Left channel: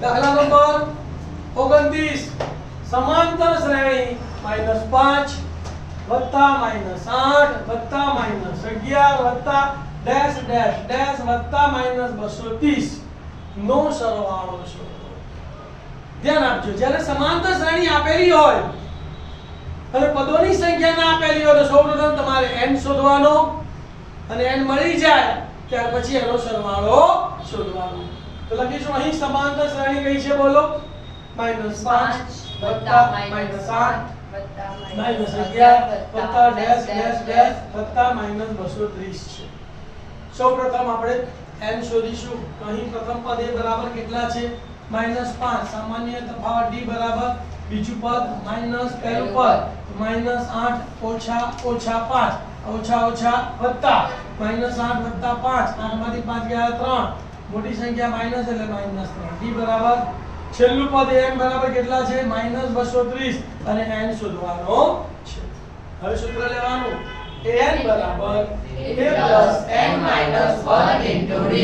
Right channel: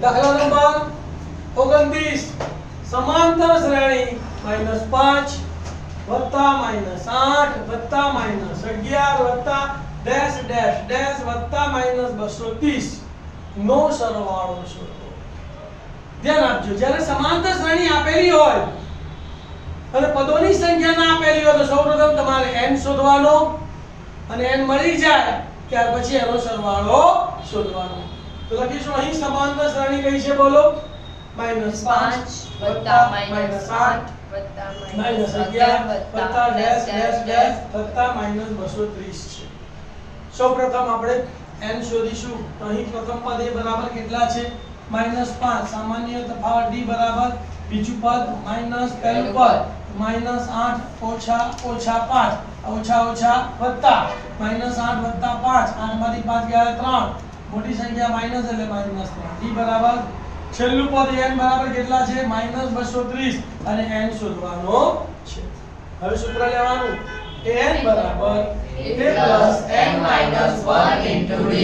દાખલા નંબર 29 સમાંતર શ્રેણી -5 વત્તા -8 વત્તા -11 વત્તા ડેશ ડેશ ડેશ વત્તા -230 નો સરવાળો શોધો. ધ્યાન આપજો, જ્યારે સમાંતર શ્રેણી આપેલી હોય અને પદોની સંખ્યા ના આપેલી હોય તો સૌપ્રથમ તમારે n શોધવાનો અને n મળી જાય ત્યાર પછી એનો સરવાળો શોધવાનો. તો લખીશું અહીં સમાંતર શ્રેણી કઈ છે બોલો? -5 વત્તા -8 -11 વત્તા ડેશ ડેશ ડેશ વત્તા -230 છે. સૌપ્રથમ આપણે n શોધીશું. તો અહીં પ્રથમ પદ એ બરાબર કેટલા છે? -5. સામાન્ય તફાવત d બરાબર બીજું પદ માઈનસ પહેલું પદ -8 ઓછા 5 ઓછા વત્તા -8 વત્તા 5 8 માંથી 5 ગયા 3 મોટી સંખ્યા માઈનસ એટલે -3 d બરાબર છેલ્લું પદ n બરાબર કેટલા છે? -230 અને n શોધવાનો છે. હવે સૂત્ર લેવાનું an બરાબર a n - 1 * d.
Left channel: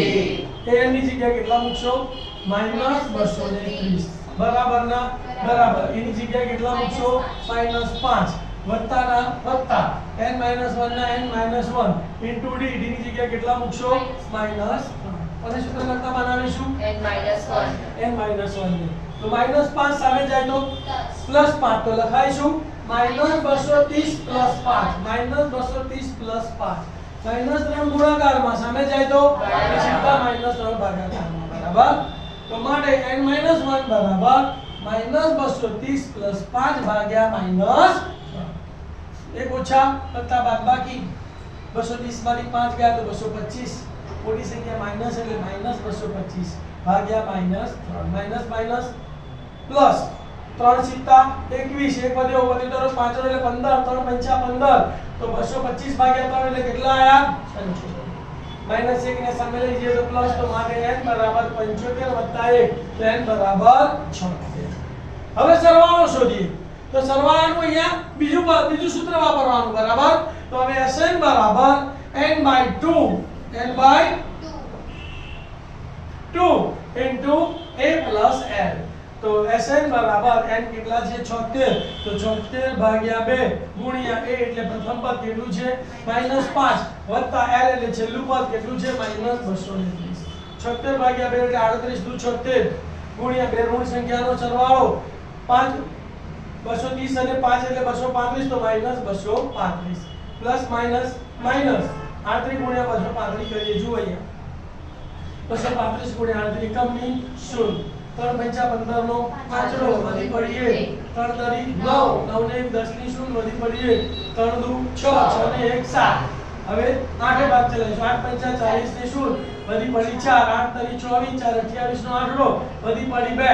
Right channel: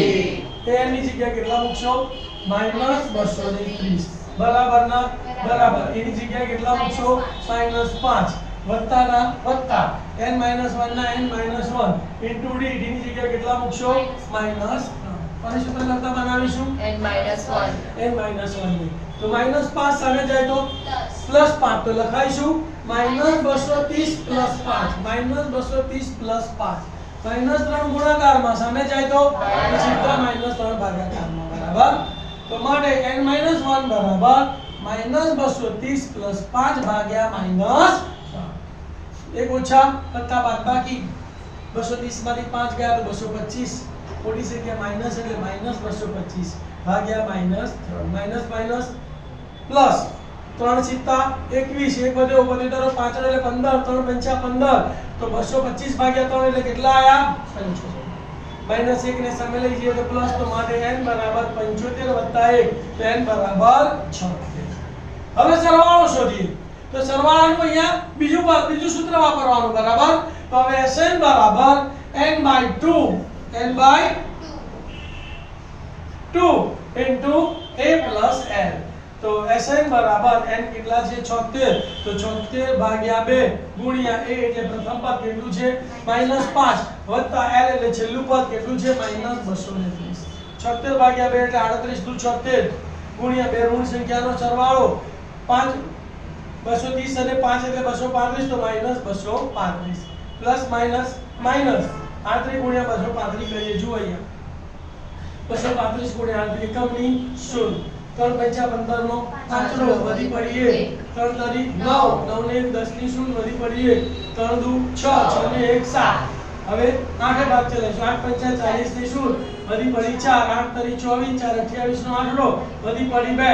an ની જગ્યાએ કેટલા મૂકશો? -230 બરાબર ના બરાબર એની જગ્યાએ કેટલા મૂકશો? -5 વત્તા ના વત્તા n - 1 ના n - 1 * d. d ની જગ્યાએ કેટલા મૂકશો? -3. અને સૂત્ર લખતા બનાવીશું n - 1 તો -5 સામે જાય તો +5 તો લખાઈશું -230 + 5 -230 + 5 -3 ગુણાકારમાં સામે જાય તો સીધા -3 ભાગાકારમાં બરાબર. તો માટે n - 1 બરાબર -230 + 5 ભાગ્યા -3. એક ઓછા વત્તા બાદબાકી 230 માંથી 5 ગયા તો 225 મોટી સંખ્યા માઈનસ એટલે -225 ભાગ્યા -3 માઈનસ પ્લસ 3 સિત્તા 21 એક વધ્યો તરફ 5 એટલે 15 3 પંચા 15 તો 225 ભાગ્યા 3 એટલે કેટલા આયા? 75 -1 ને સામે લઈ જઈએ તો પ્લસ તો માટે n બરાબર 75 વત્તા 1 તો n બરાબર 76. હવે સરવાળો શોધીએ. તો સરવાળાનું અહીંયા બીજું સૂત્ર વાપરવાનું બરાબર. તો હવે Sn બરાબર n/2 into a plus l. તો Sn બરાબર n કેટલા છે? 76. તો 76 ભાગ્યા 2 ગુણ્યા a એટલે પ્રથમ પદ કેટલું છે? -5 વત્તા l એટલે છેલ્લું પદ કેટલું છે? -230. 76 ભાગ્યા 2 એટલે 38 * 76 ગુણ્યા બે ઋણ સંખ્યાનો સરવાળો 5 230 અને 5 એટલે 235 તો -235 પ્લસ માઈનસ 38 ગુણ્યા 235 કરીએ. જુઓ અહીંયા 235 ગુણ્યા 38 એકમની શૂન્ય 3 પંચા 15 નો 5 રો વધી પડી 1 3 તરી 9 9 ને 10 ની શૂન્ય વધી પડી 1 3 દુ 6 6 ને 1 7. હવે 8 ભાગ ચલાવીશું 8 પંચા 40 ની શૂન્ય વધી પડી 4 8 તરી 24 4 28 નો 8 રો વધી પડી 2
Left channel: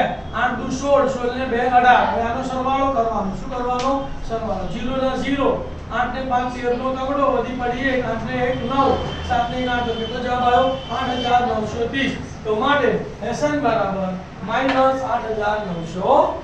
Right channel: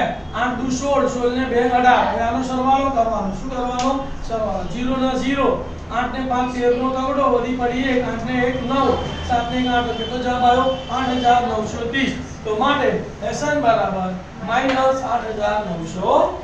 8 દુ 16 16 ને 2 18. હવે આનો સરવાળો કરવાનો. શું કરવાનો? સરવાળો 0 ના 0 8 ને 5 13 નો તગડો વધી પડી 1 8 ને 1 9 7 ને 8 કેટલો જવાબ આવ્યો? 8930. તો માટે Sn બરાબર -8930.